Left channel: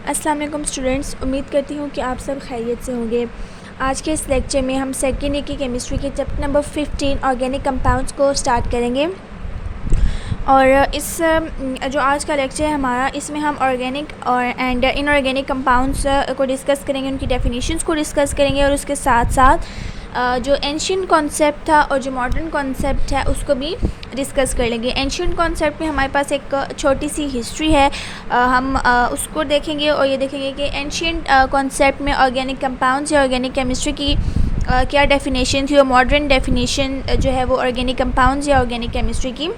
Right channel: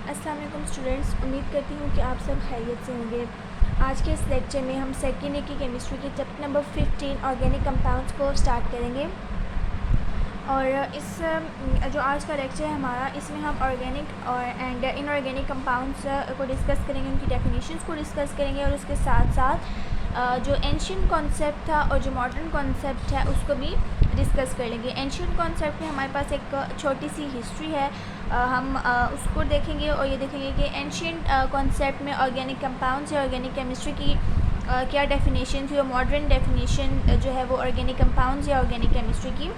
अस्सलाम वालेकुम स्टूडेंट्स, उम्मीद करती हूँ कि आप सब खैरियत से होंगे। आज के इस लेक्चर में हम सेकेंड ईयर की केमिस्ट्री के चैप्टर नंबर 15 ऑर्गेनिक कंपाउंड्स को स्टार्ट करेंगे। और इस जो आज का लेक्चर है हमारा, इसमें हम ऑर्गेनिक और इनऑर्गेनिक कंपाउंड्स को डिस्कस करेंगे, उनकी डेफिनेशंस को डिस्कस करेंगे और उसके साथ साथ जो एंशिएंट कॉन्सेप्ट था और जो मॉडर्न कॉन्सेप्ट है उसको भी डिस्कस कर लेंगे। एंशिएंट कॉन्सेप्ट में हमारे पास एक छोटी सी हिस्ट्री है, हम उसको देखेंगे और ये देखेंगे कि एंशिएंट कॉन्सेप्ट में ऑर्गेनिक कंपाउंड्स या ऑर्गेनिक केमिस्ट्री की क्या डेफिनेशन थी और मॉडर्न डेफिनेशन जो है वो ऑर्गेनिक कंपाउंड्स या ऑर्गेनिक केमिस्ट्री की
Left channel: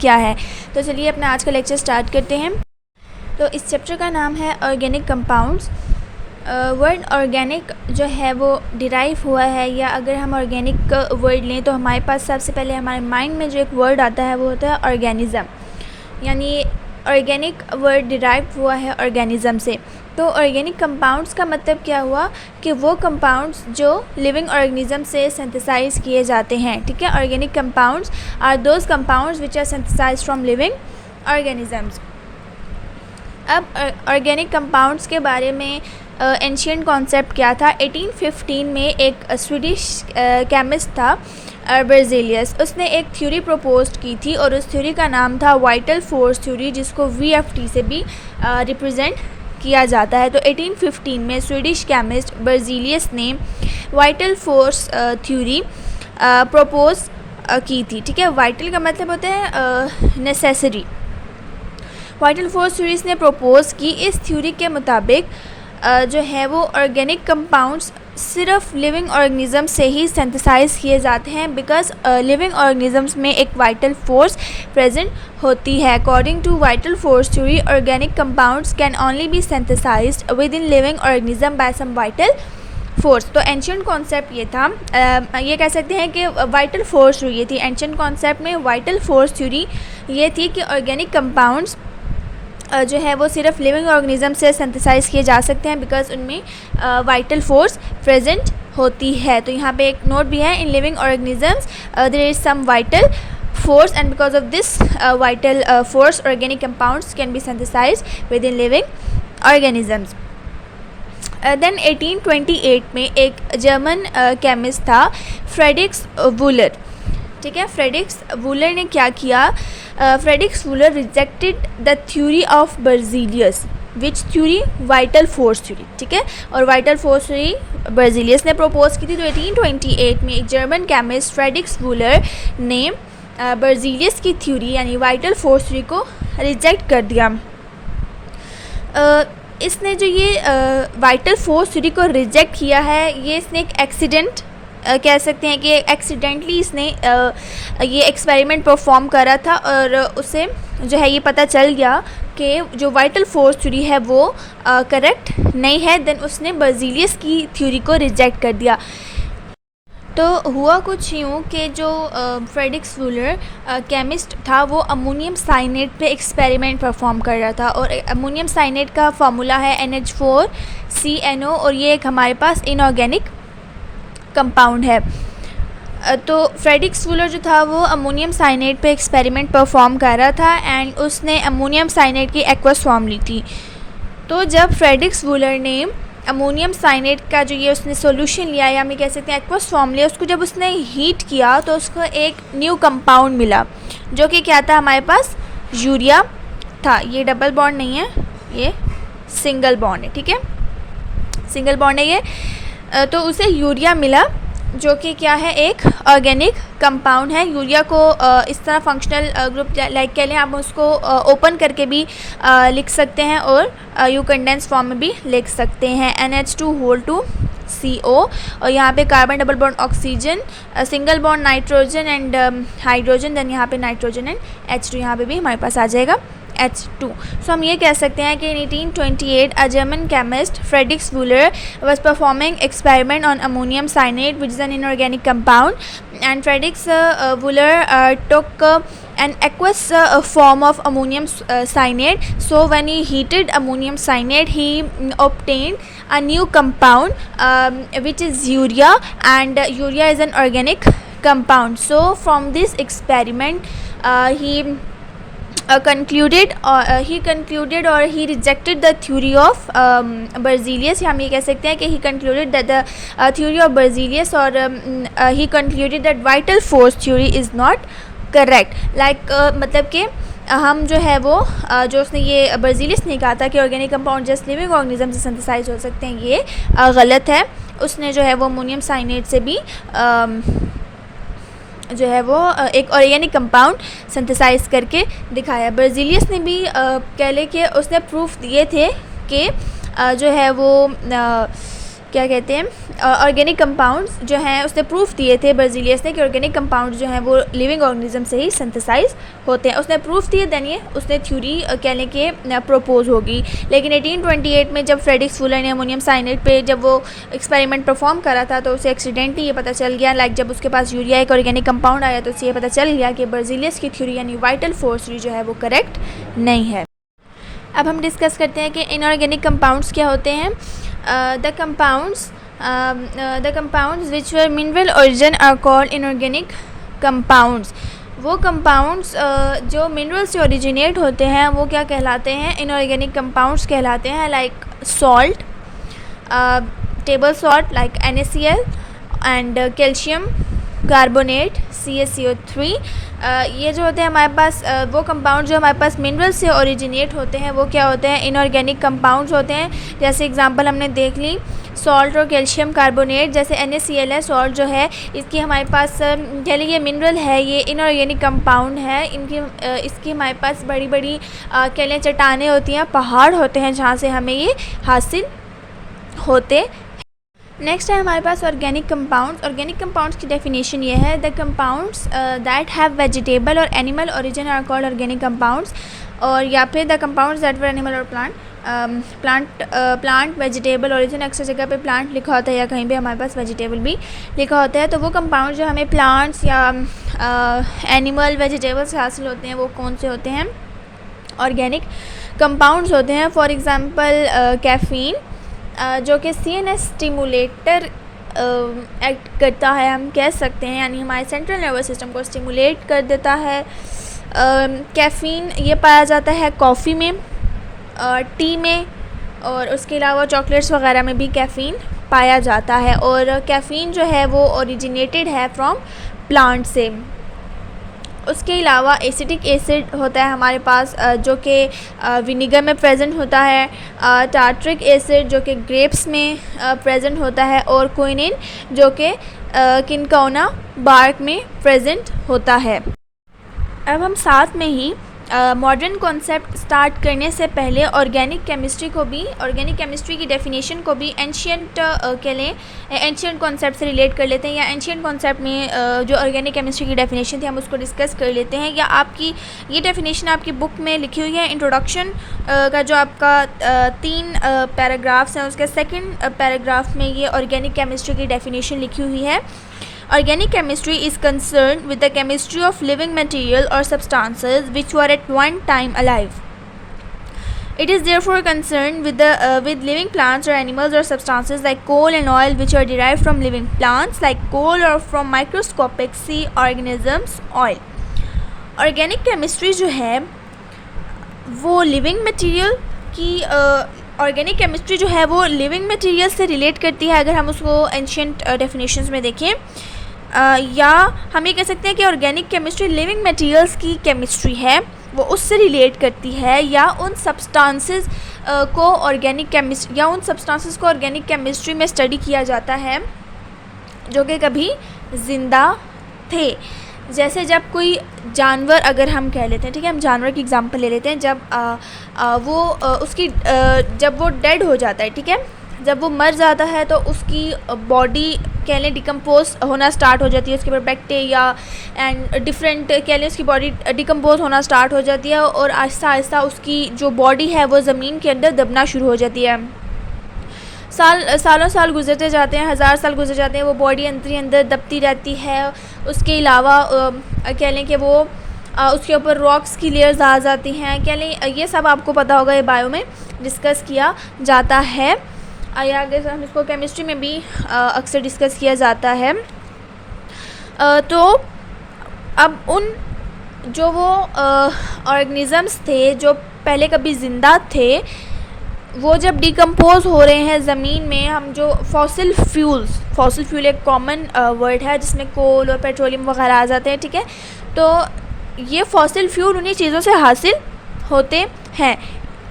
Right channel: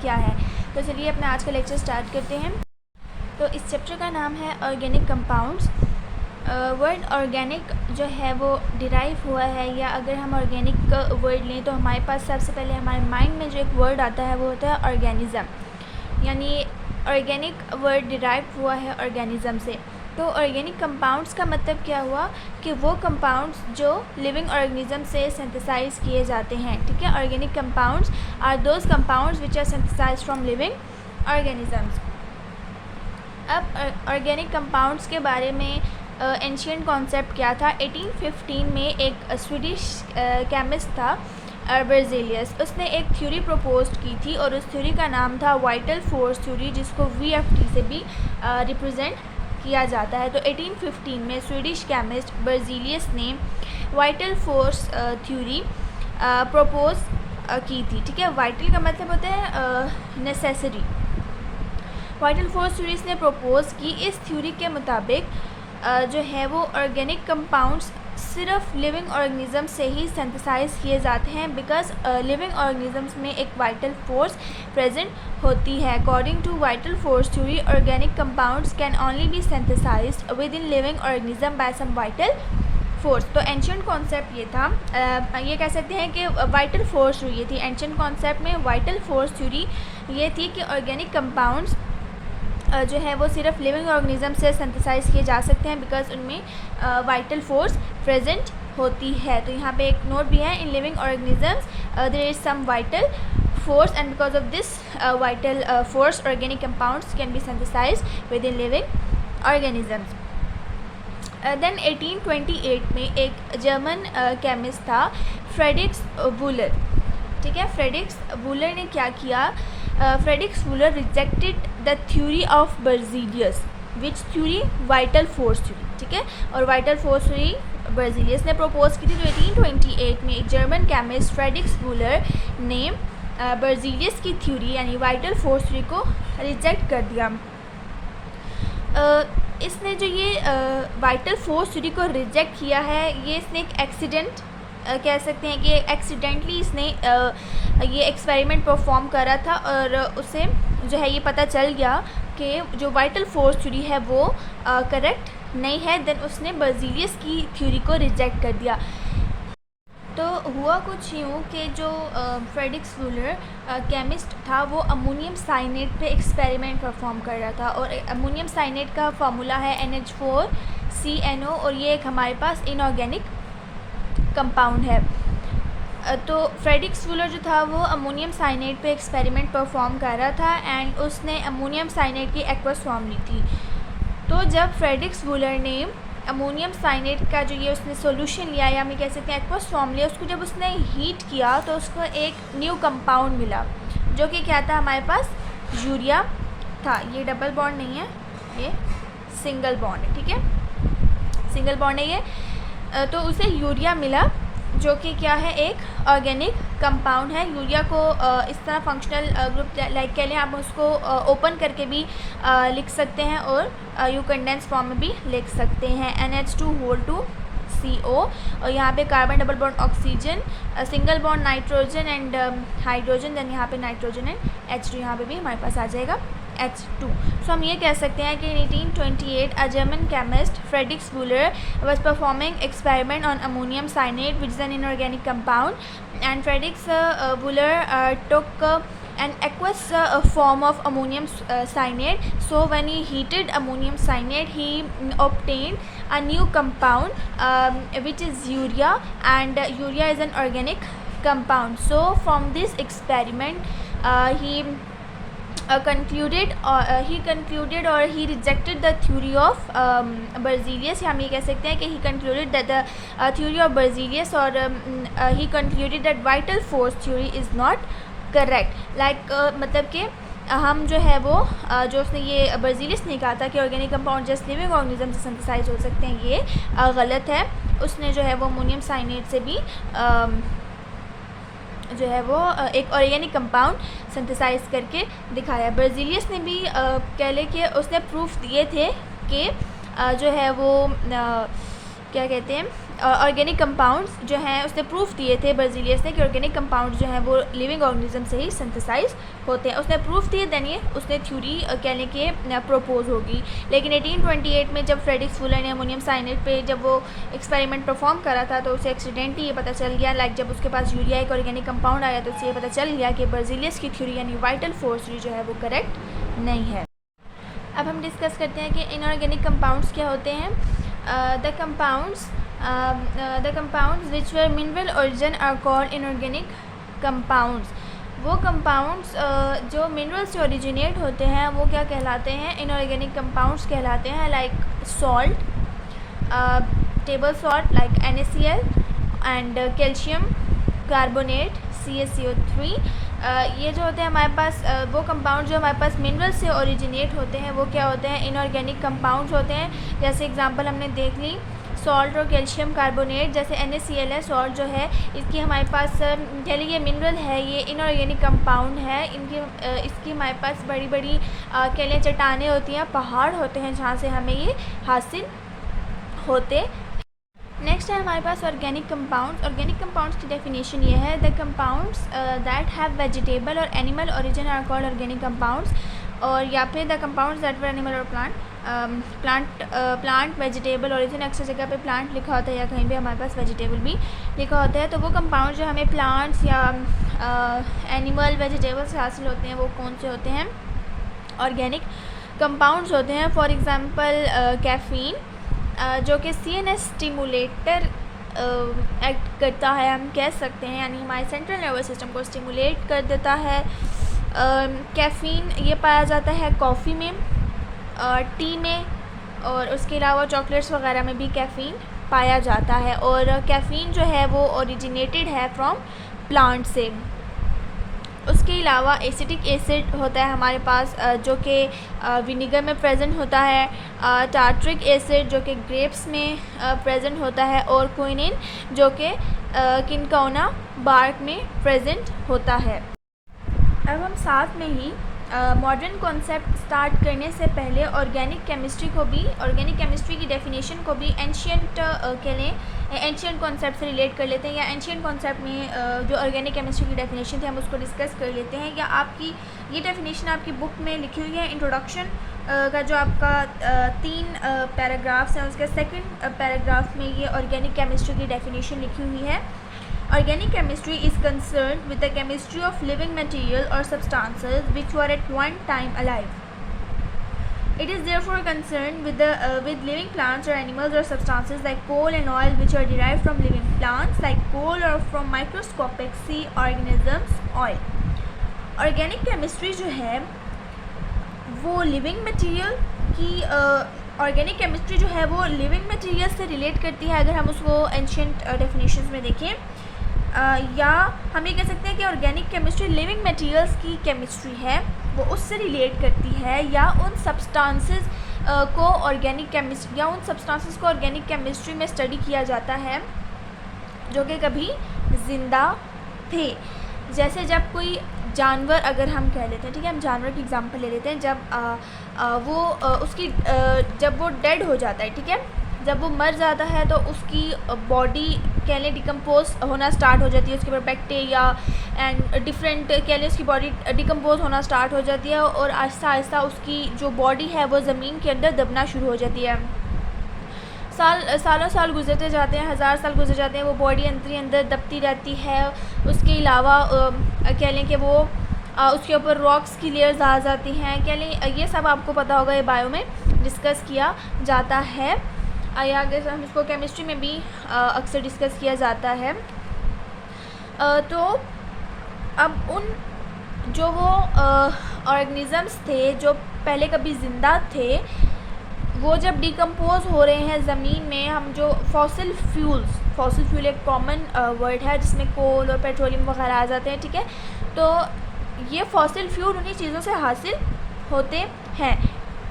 क्या है। तो चलिए अपना आज का लेक्चर स्टार्ट करते हैं। तो इस चैप्टर का नाम है ऑर्गेनिक कंपाउंड्स। वर्ड ऑर्गेनिक जो है वो डिराइव हुआ है, या अगर हम ऑर्गेनिक वर्ड लें तो हमारे पास सबसे पहले हमारे माइंड में जो एक वर्ड आता है वो होता है ऑर्गेनिज़म, यानी ऑर्गेनिक वर्ड डिराइव हुआ है ऑर्गेनिज़म से। तो ऑर्गेनिक कंपाउंड्स का मतलब क्या हुआ कि वो कंपाउंड्स जो लिविंग ऑर्गेनिज्म से सिंथेसाइज किए जाते हैं। ठीक है, organic compounds are those compounds which are synthesized from living organisms. अब ऑर्गेनिक कंपाउंड्स के बारे में एंशिएंट कॉन्सेप्ट क्या था। 1815 में एक स्वीडिश केमिस्ट था बेrzelius, उसने एक थ्योरी प्रपोज की थी और उस थ्योरी का नाम था वाइटल फोर्स थ्योरी, जिसको VFT से भी रिप्रेजेंट किया जाता है। तो 1815 में स्वीडिश केमिस्ट बेrzelius ने वाइटल फोर्स थ्योरी प्रपोज की थी। ठीक है, वाइटल का मतलब होता है नेसेसरी। वाइटल फोर्स थ्योरीज ने प्रपोज की। इस थ्योरी के मुताबिक जो है वो ऑर्गेनिक कंपाउंड्स सिर्फ लिविंग ऑर्गेनिज्म से ही सिंथेसाइज किए जाते हैं, बिकॉज लिविंग ऑर्गेनिजम्स में एक वाइटल फोर्स प्रेजेंट होती है। According to vital force theory, organic compounds can only be synthesized within living organism by some vital force. तो एंशिएंट कॉन्सेप्ट ये था, ये कह सकते हैं कि वाइटल फोर्स थ्योरी ये थी। एंशिएंट कॉन्सेप्ट में वाइटल फोर्स थ्योरी ये थी कि ऑर्गेनिक कंपाउंड्स जो है वो सिर्फ लिविंग ऑर्गेनिज्म से सिंथेसाइज किए जा सकते हैं, बिकॉज उनमें वाइटल फोर्स प्रेजेंट होती है। तो यहाँ पे एक नोट भी है, in living organisms there is some vital force, and because of this vital force organic compounds can be synthesized within living organisms. Then 1828 में एक जर्मन केमिस्ट था फ्रेडरिक्स वूलर। ठीक है, फ्रेडरिक्स वूलर ने क्या किया, Friedrich Wohler rejected the theory of बेrzelius, which theory, vital force theory. ठीक है, और वाइटल फोर्स थ्योरी बेrzelius ने प्रपोज की थी। तो 1828 में एक जर्मन केमिस्ट फ्रेडरिक्स वूलर ने बेrzelius की थ्योरी यानी वाइटल फोर्स थ्योरी को रिजेक्ट कर दिया। इसने जो ये वाइटल फोर्स थ्योरी को रिजेक्ट किया है, ये इसने एक एक्सीडेंट कह सकते हैं कि एक्सीडेंटली इसने ये एक्सपेरिमेंट परफॉर्म करा था और उसे जो है ये पता चल गया कि जो वाइटल फोर्स थ्योरी है वो करेक्ट नहीं है। देन उसने बेrzelius की थ्योरी को रिजेक्ट कर दिया। तो हुआ कुछ यूँ कि जो फ्रेडरिक्स वूलर केमिस्ट था वो अमोनियम साइनेट पे एक्सपेरिमेंट परफॉर्म कर रहा था, और अमोनियम साइनेट का फार्मूला है NH4CNO, और ये एक हमारे पास इनऑर्गेनिक कंपाउंड है। तो फ्रेडरिक्स वूलर जो था वो अमोनियम साइनेट पे एक्सपेरिमेंट परफॉर्म कर रहा था एंड उसने अमोनियम साइनेट की एक्वस फॉर्म ली थी। तो जब फ्रेडरिक्स वूलर ने अमोनियम साइनेट का जो ये उसने सॉल्यूशन लिया या हम कह सकते हैं एक्वस फॉर्म लिया, उसको जब उसने हीट किया तो उसको एक न्यू कंपाउंड मिला जो कि क्या था, हमारे पास यूरिया था। ये डबल बॉन्ड नहीं है, ये सिंगल बॉन्ड है। ठीक है, सिंगल बॉन्ड है ये। तो उसे यूरिया मिला जो कि क्या है, एक ऑर्गेनिक कंपाउंड है। यूरिया को इस तरह फंक्शनल ग्रुप लाइक कह लें, आप उसको ओपन करके भी लिख सकते हैं और यू कंडेंस फॉर्म में भी लिख सकते हैं, NH2CO। और यहाँ पे carbon double bond oxygen, single bond nitrogen and hydrogen, then यहाँ पे नाइट्रोजन एंड H2 यहाँ पे भी हमारे पास आ जाएगा H2। सो हम ये कह सकते हैं कि 1828 a German chemist Fredericks Wular was performing experiment on ammonium cyanide, which is an inorganic compound, and Fredericks Wooler took an aqueous form of ammonium cyanide. So when he heated ammonium cyanide, he obtained a new compound which is urea, and urea is an organic compound. So from this experiment he concluded or he rejected the theory of Berzelius. हम ये कह सकते हैं कि he concluded that the theory of Berzelius or he concluded that vital force theory is not correct. Like मतलब कि हम जो है वो जो उसने ये बर्जीलियस ने कहा था कि organic compound just living organism से सिंथेसाइज हो सकते हैं, ये गलत है. उसने जो है वो अमोनियम साइनेट से भी जो है वो एक ऑर्गेनिक कंपाउंड सिंथेसाइज करके दिखाया. बर्जीलियस ने भी कह ले कि उसने प्रूफ दिए थे कि जो है वो क्या कहते हैं ऑर्गेनिक कंपाउंड्स जो हैं, उसने प्रूफ दिए थे बर्जीलियस ने कि ऑर्गेनिक कंपाउंड जो हैं वो लिविंग ऑर्गेनिज्म से ही सिंथेसाइज होते हैं. उसने प्रूफ दिए, देन ये उसने थ्योरी कहने के प्रपोज होगी. लेकिन 1828 में जब फ्रेडरिक फुलर ने अमोनियम साइनेट पे जब वो एक्सपेरिमेंट परफॉर्म करा था तो उसे एक्सीडेंटली ये पता चल गया, लाइक जब उसके पास यूरिया एक ऑर्गेनिक कंपाउंड आया तो उसे ये पता चल गया कि बर्जीलियस की थ्योरी यानी वाइटल फोर्स थ्योरी जो है वो करेक्ट नहीं है. अब हम डिस्कस करते हैं कि इनऑर्गेनिक कंपाउंड्स क्या होते हैं. The compounds which were mineral origin are called inorganic compounds. वो कंपाउंड्स जो मिनरल से ओरिजिनेट होते हैं वो क्या कहलाते हैं, इनऑर्गेनिक कंपाउंड्स कहलाते हैं. Like salt, table salt like NaCl and calcium carbonate CaCO3. ये जो होते हैं हमारे पास वो कंपाउंड जो हमारे पास मिनरल से ओरिजिनेट होते हैं वो क्या होते हैं, इनऑर्गेनिक कंपाउंड्स होते हैं. जैसे एग्जांपल हमने देख ली सॉल्ट और कैल्शियम कार्बोनेट. जैसे NaCl है, सॉल्ट जो है इसकी हमारे पास कह लीजिए ये मिनरल है, ये इनऑर्गेनिक कंपाउंड है. इसकी हमारे पास बड़ी बड़ी कह लें चट्टानें होती हैं, पहाड़ होते हैं जहाँ से हमें ये हासिल होते. नेक्स्ट है हमारे पास ऑर्गेनिक कंपाउंड्स. ऑर्गेनिक कंपाउंड्स की डेफिनेशन ये है, the compounds that have vegetable और animal origin are called organic compounds. और या फिर the compounds that were animal और प्लांट वेजिटेबल ओरिजिन. अक्सर जगह पे प्लांट लिखा होता है या कहीं पे हमारे पास वेजिटेबल भी लिखा होता है. तो वो कंपाउंड जो हमें प्लांट्स या एनिमल वेजिटेबल से हासिल होते हैं वो कौन से होते हैं, ऑर्गेनिक कंपाउंड्स होते हैं. फॉर एग्ज़ाम्पल कैफ़ीन जो कि CNS स्टिमुलेटर एक्ट करता है, हम कह सकते हैं, यानी हमारे सेंट्रल नर्वस सिस्टम को स्टिमुलेट कर देता है. कैफ़ीन ये पाया जाता है कॉफ़ी में, टी में, और उसके अलावा चॉकलेट्स वगैरह में भी कैफ़ीन पाया जाता है. और कैफ़ीन जो है वो ओरिजिनेटेड है फ्रॉम प्लांट से. उसके अलावा एसिटिक एसिड होता है हमारे पास जो कि विनीगर में प्रेजेंट होता है. टार्ट्रिक एसिड जो कि ग्रेप्स में प्रेजेंट होता है. और क्विनिन जो कि किनकोना बार्क में प्रेजेंट होता है. अब हम साथ में ही मॉडर्न कॉन्सेप्ट स्टार्ट करने से पहले ऑर्गेनिक केमिस्ट्री की डेफिनेशन को भी एंशियंट कह लें एंशियंट कॉन्सेप्ट से रिलेट कर लेते हैं, या एंशियंट कॉन्सेप्ट में जो ऑर्गेनिक केमिस्ट्री की डेफिनेशन थी हम उसको डिस्कस कर लेते हैं. या आपकी ये डेफिनेशन आपकी बुक में लिखी हुई है. इंट्रोडक्शन का जो आपका 3 पैराग्राफ्स हैं उसके सेकंड पैराग्राफ में ये ऑर्गेनिक केमिस्ट्री की डेफिनेशन लिखी हुई है. Organic chemistry is concerned with the chemistry of living material or substances which were at one time alive. It is therefore concerned with living plants or animals or substances like coal and oil which are derived from living plants like coal or from microscopic sea organisms oil. Organic chemistry जो है वो living material की organic chemistry जो है वो living material से relate करती है अगर हम उसको एंशियंट डेफिनेशंस में देखें. या हम ये कह सकते हैं कि ऑर्गेनिक केमिस्ट्री लिविंग मटेरियल्स की केमिस्ट्री है, वो उससे रिलेट करती है. या उन सब्सटेंसेस को ऑर्गेनिक केमिस्ट्री या उन सब्सटेंसेस को ऑर्गेनिक केमिस्ट्री में स्टडी किया जाता है जो कि कभी ज़िंदा थे. जैसे जब कोई जानवर अगर हम कह लेते हैं, ठीक है, हम जानवर की एग्जांपल ले लेते हैं. जब वो उसकी जब वो डेड हो जाता है, ठीक है, जब वो मर जाता है तो उसकी बॉडी कह लें डिकम्पोज होना स्टार्ट हो जाती है. उसके ऊपर बैक्टीरिया एंड डिफरेंट कह लें उसकी बॉडी डिकम्पोज होना स्टार्ट हो जाती है और आहिस्ता आहिस्ता उसकी जो बॉडी है वो ज़मीन के अंदर दबना शुरू हो जाती है. सालों साल गुजरते जाते हैं, 1000 साल गुजर जाते हैं, वो बॉडी अंदर दबती रहती है. उसके अलावा कह लें कि वो उसके ऊपर रॉक्स की लेयर्स आ जाती हैं. कह लें ये सब आपको पता होगा, ये बायो में डिस्कस किया जाता है या आगे हम इसको केमिस्ट्री में भी अक्सर डिस्कस किया जाता है. तो अब उन जो वो ऑर्गेनिज़म्स थे जो पहले कभी ज़िंदा थे, वो जब डिकम्पोज हो रहे हैं ज़मीन में, हम जो फॉसिल फ्यूल एक कॉमन वर्ड है जिसमें कोल और पेट्रोलियम वगैरह आ जाते हैं, ठीक है। तो ये फॉसिल फ्यूल उन्हीं चीज़ों से हासिल होते हैं।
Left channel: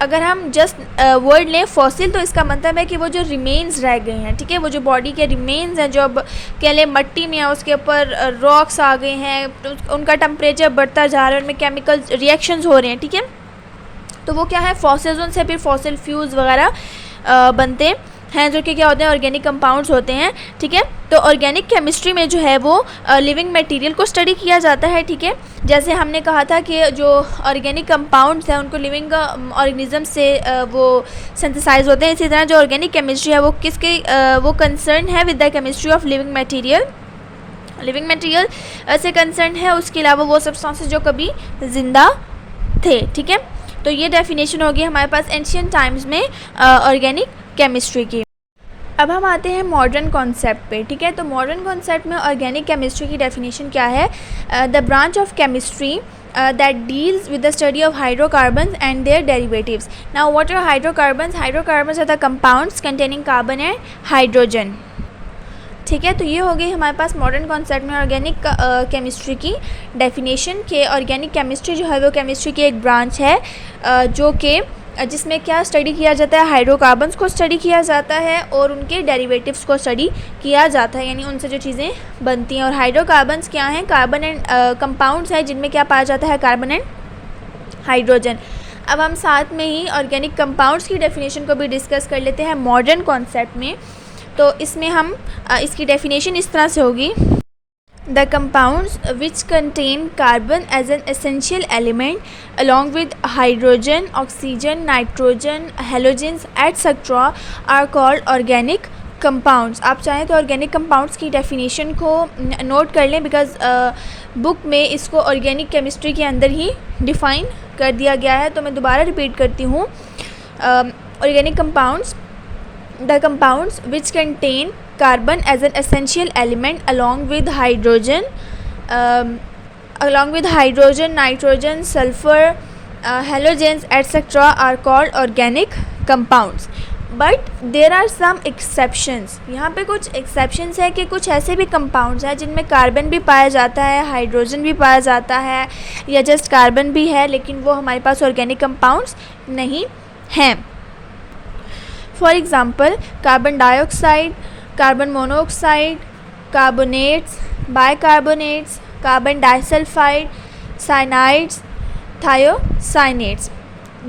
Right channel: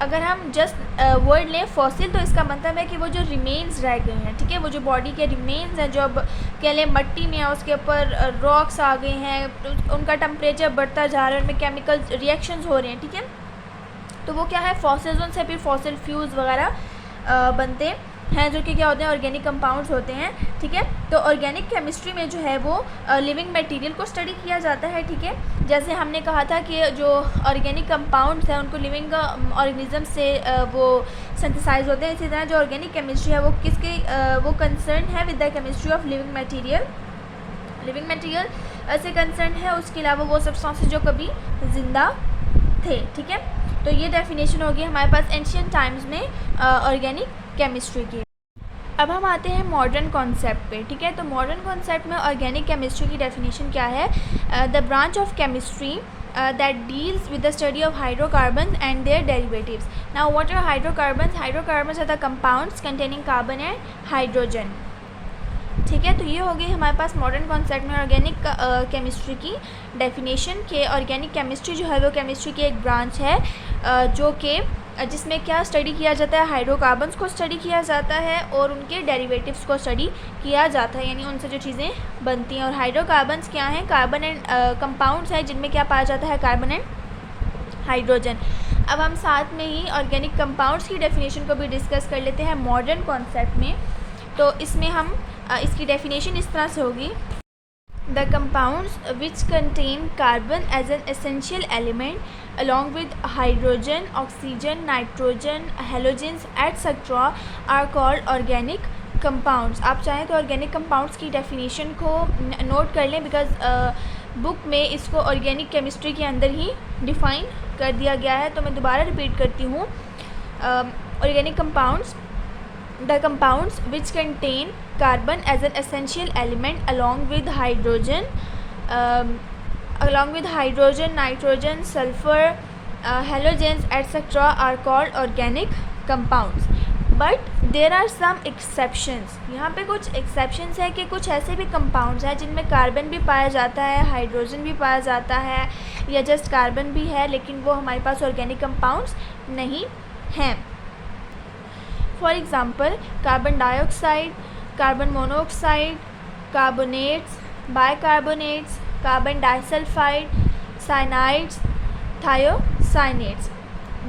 अगर हम जस्ट वर्ड लें फॉसिल, तो इसका मतलब है कि वो जो रिमेन्स रह गए हैं, ठीक है, वो जो बॉडी के रिमेन्स हैं, जो अब कह लें मट्टी में है, उसके ऊपर रॉक्स आ गए हैं, तो उनका टेम्परेचर बढ़ता जा रहा है, उनमें केमिकल रिएक्शंस हो रहे हैं, ठीक है। तो वो क्या है, फॉसिल्स, उनसे फिर फॉसिल फ्यूल्स वगैरह बनते हैं, जो कि क्या होते हैं, ऑर्गेनिक कंपाउंड्स होते हैं, ठीक है। तो ऑर्गेनिक केमिस्ट्री में जो है वो लिविंग मटेरियल को स्टडी किया जाता है, ठीक है। जैसे हमने कहा था कि जो ऑर्गेनिक कंपाउंड्स हैं उनको लिविंग ऑर्गेनिज्म से वो सिंथेसाइज होते हैं। इसी तरह जो ऑर्गेनिक केमिस्ट्री है वो किसके वो कंसर्न है with the chemistry of living material से कंसर्न है। उसके अलावा वो सब्सटेंसेस जो कभी ज़िंदा थे, ठीक है। तो ये डेफिनेशन होगी हमारे पास एंशिएंट टाइम्स में ऑर्गेनिक केमिस्ट्री की। अब हम आते हैं मॉडर्न कॉन्सेप्ट पे, ठीक है। तो मॉडर्न कॉन्सेप्ट में ऑर्गेनिक केमिस्ट्री की डेफिनेशन क्या है, the branch of chemistry that deals with the study of hydrocarbons and their derivatives. Now what are hydrocarbons? Hydrocarbons are the compounds containing carbon and hydrogen, ठीक है। तो ये हो गई हमारे पास मॉडर्न कॉन्सेप्ट में ऑर्गेनिक केमिस्ट्री की डेफिनेशन के ऑर्गेनिक केमिस्ट्री जो है वो केमिस्ट्री की एक ब्रांच है जो कि जिसमें क्या स्टडी किया जाता है, हाइड्रोकार्बन्स को स्टडी किया जाता है और उनके डेरिवेटिव्स को स्टडी किया जाता है, यानी उनसे जो चीज़ें बनती हैं। और हाइड्रोकार्बन्स क्या हैं, कार्बन एंड कंपाउंड्स हैं जिनमें क्या पाया जाता है, कार्बन एंड हाइड्रोजन। अब हम साथ में ही ऑर्गेनिक कंपाउंड्स की डेफिनेशन को भी डिस्कस कर लेते हैं मॉडर्न कॉन्सेप्ट में। तो इसमें हम इसकी डेफिनेशन इस तरह से होगी, the compounds which contain carbon as an essential element along with hydrogen, oxygen, nitrogen, halogens etcetera are called organic compounds. आप चाहें तो ऑर्गेनिक कंपाउंड्स की डेफिनेशन को नोट कर लें, बिकॉज बुक में इसको ऑर्गेनिक केमिस्ट्री के अंदर ही डिफ़ाइन कर दिया गया है। तो मैं दोबारा रिपीट करती हूँ, organic compounds, the compounds which contain carbon as an essential element along with hydrogen, nitrogen, sulfur, halogens etc. are called organic compounds. But there are some exceptions. यहाँ पे कुछ exceptions है कि कुछ ऐसे भी compounds हैं जिनमें कार्बन भी पाया जाता है, हाइड्रोजन भी पाया जाता है, या जस्ट कार्बन भी है, लेकिन वो हमारे पास ऑर्गेनिक कंपाउंड्स नहीं हैं। For example carbon dioxide, carbon monoxide, carbonates, bicarbonates, carbon disulphide, cyanides, thiocyanate.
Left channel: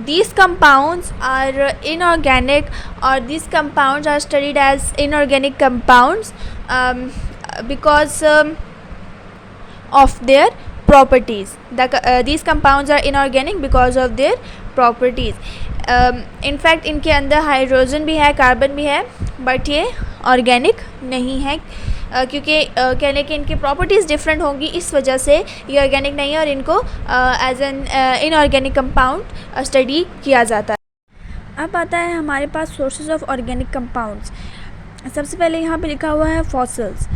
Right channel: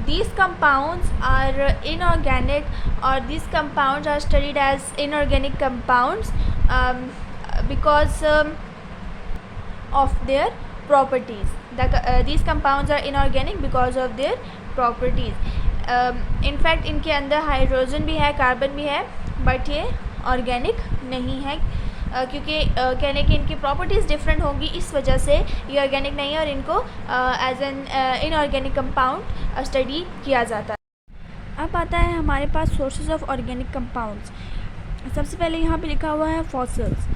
These compounds are inorganic, or these compounds are studied as inorganic compounds because of their properties. These compounds are inorganic because of their properties. In fact इनके अंदर hydrogen भी है, carbon भी है, but ये organic नहीं है क्योंकि कहने की इनकी प्रॉपर्टीज़ डिफरेंट होंगी, इस वजह से ये ऑर्गेनिक नहीं है और इनको as an inorganic compound study किया जाता है। अब आता है हमारे पास सोर्सेज ऑफ ऑर्गेनिक कंपाउंड्स। सबसे पहले यहाँ पे लिखा हुआ है फॉसिल्स।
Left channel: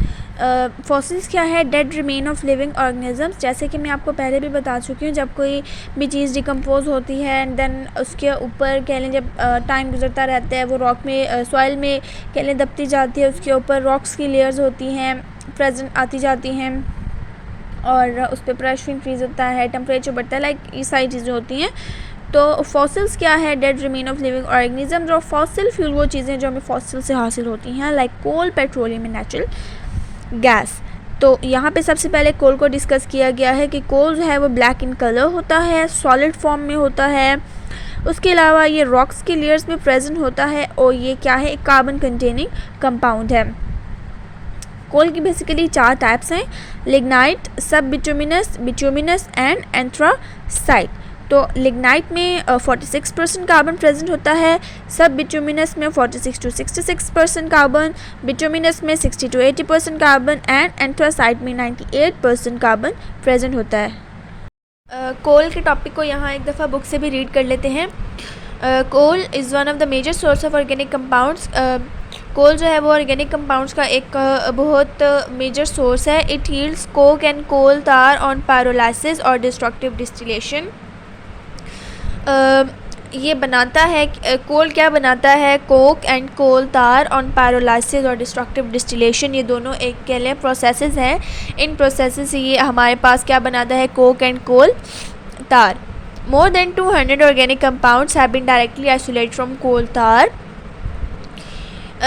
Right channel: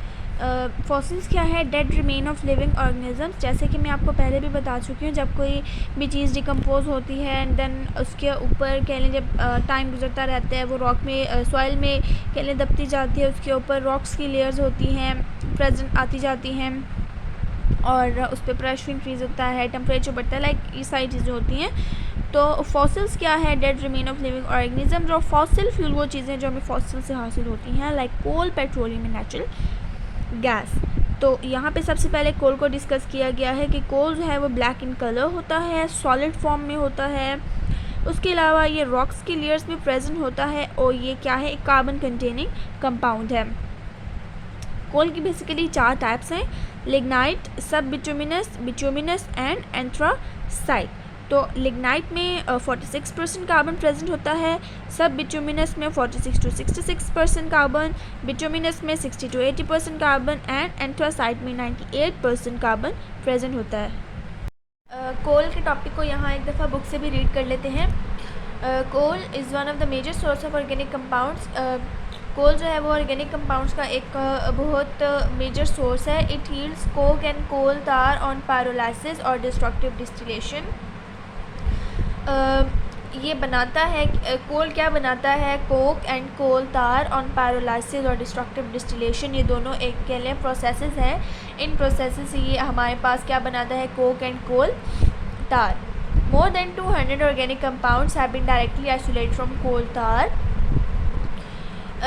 फॉसिल्स क्या है, dead remain of living organisms. जैसे कि मैं आपको पहले भी बता चुकी हूँ, जब कोई भी चीज़ डिकम्पोज होती है एंड देन उसके ऊपर कह लें जब टाइम गुजरता रहता है वो रॉक में सॉइल में कह लें दबती जाती है, उसके ऊपर रॉक्स की लेयर्स होती हैं, प्रेजेंट आती जाती हैं और उस पर प्रेशर इंक्रीज़ होता है, टेम्परेचर बढ़ता है, लाइक ये सारी चीज़ें होती हैं। तो फॉसिल्स क्या है, dead remain of living organisms. और फॉसिल फ्यूल वो चीज़ें जो हमें फॉसिल से हासिल होती हैं, like coal, petroleum and natural gas. तो यहाँ पे सबसे पहले कोल को डिस्कस किया गया है कि कोल जो है वो ब्लैक इन कलर होता है, सॉलिड फॉर्म में होता है, उसके अलावा ये रॉक्स की लेयर्स में प्रेजेंट होता है और ये क्या है, एक कार्बन कंटेनिंग कंपाउंड है। कोल की बेसिकली 4 टाइप्स हैं, लिग्नाइट, सब बिटुमिनस एंड एंथ्रासाइट। तो लिग्नाइट में 46% कार्बन प्रेजेंट होता है, सब बिटुमिनस में 46 to 66% कार्बन, बिटुमिनस में 60 to 80% कार्बन एंड एंथ्रासाइट में 98% कार्बन प्रेजेंट होता है। कोल के टॉपिक को यहाँ एक दफ़ा बुक से भी रीड कर लेते हैं। Coal is one of the major source of organic compounds coal जो है वो ऑर्गेनिक कंपाउंड्स का एक बहुत मेजर सोर्स है। It yields coke and coal tar on pyrolysis और डिस्ट्रक्टिव डिस्टिलेशन। ये बनाता है कोल क्या बनाता है, Coke and coal tar on pyrolysis और डिस्ट्रक्टिव डिस्टिलेशन। ये दोनों एक के लिए प्रोसेसेस हैं। इन प्रोसेसेस से ये हमारे पास क्या बनाता है, कोक एंड कोल तार। More than 200 organic compounds have been directly isolated from coal tar,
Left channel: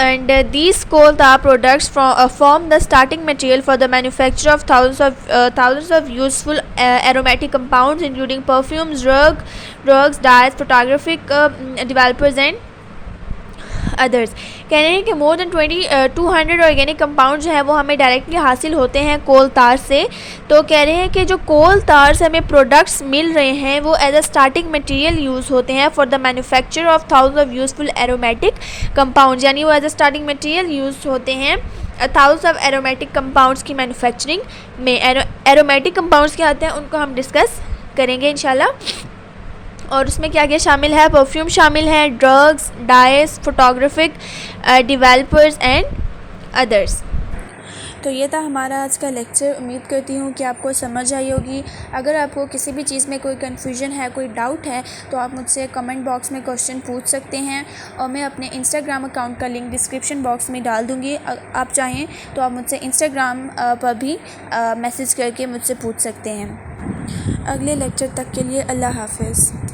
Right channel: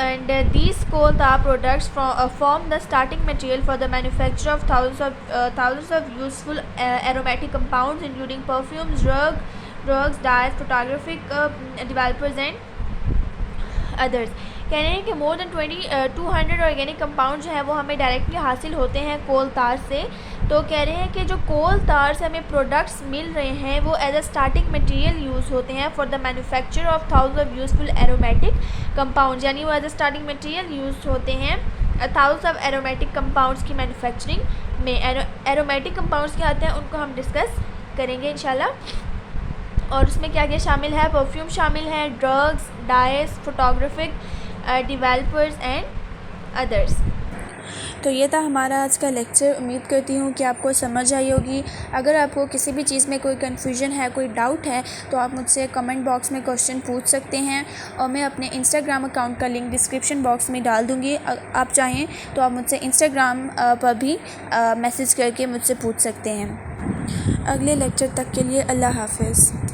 and these coal tar products form the starting material for the manufacture of thousands of useful aromatic compounds, including perfumes, drugs, dyes, photographic developers and others. कह रहे हैं कि more than 200 organic compound जो है वो हमें directly हासिल होते हैं कोल तार से। तो कह रहे हैं कि जो कोल तार से हमें प्रोडक्ट्स मिल रहे हैं वो as a starting material use होते हैं for the manufacture of thousands of useful aromatic compound, यानी वो as a starting material use होते हैं थाउजेंड्स ऑफ एरोमेटिक कंपाउंड्स की मैन्युफैक्चरिंग में। एरोमेटिक कंपाउंड्स क्या आते हैं उनको हम डिस्कस करेंगे इंशाल्लाह। और उसमें क्या क्या शामिल है, परफ्यूम शामिल है, drugs, dice, photographic developers and others. तो ये था हमारा आज का लेक्चर। उम्मीद करती हूँ कि आपको समझ आई होगी। अगर आपको किसी भी चीज़ में कोई कन्फ्यूजन है, कोई डाउट है, तो आप मुझसे कमेंट बॉक्स में क्वेश्चन पूछ सकते हैं और मैं अपने इंस्टाग्राम अकाउंट का लिंक डिस्क्रिप्शन बॉक्स में डाल दूँगी। आप चाहें तो आप मुझसे इंस्टाग्राम पर भी मैसेज करके मुझसे पूछ सकते हैं। अगले लेक्चर तक के लिए अल्लाह हाफ़िज़।